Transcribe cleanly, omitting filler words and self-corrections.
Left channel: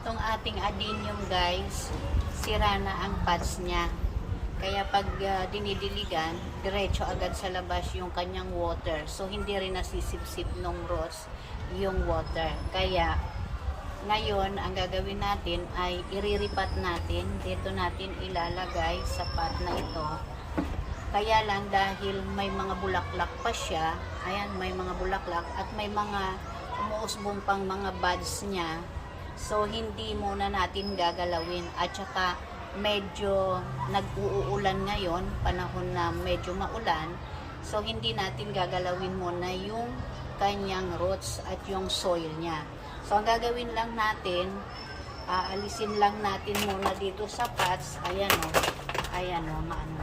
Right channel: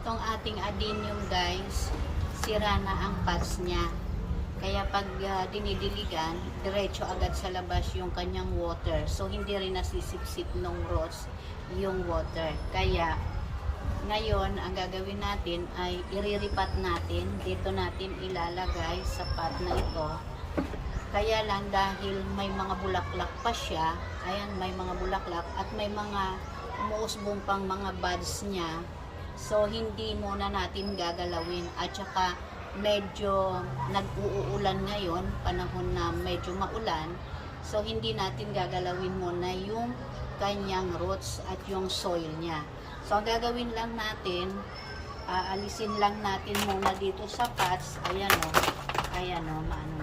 Itong ating adenium guys, sira na ang pots niya. Kaya pag dinidiligan, diretso agad sa labas yung kanyang water. So hindi rin nasisipsip nung rose yung water. Kaya ngayon, ang gagawin natin ay iriripat natin. Dito natin ilalagay sa pot na ito. Kaya lang dahil may mga bulaklak pa siya, ayan, may mga bulaklak at may mga umuusbong pang mga buds niya. So, hindi muna natin gagalawin. At saka, medyo nag-uulan ngayon, panahon na medyo maulan. So, hindi natin gagalawin muna yung kanyang roots at yung soil niya. So, ang gagawin lang natin, alisin lang natin muna dito sa pots. Ayan o, maano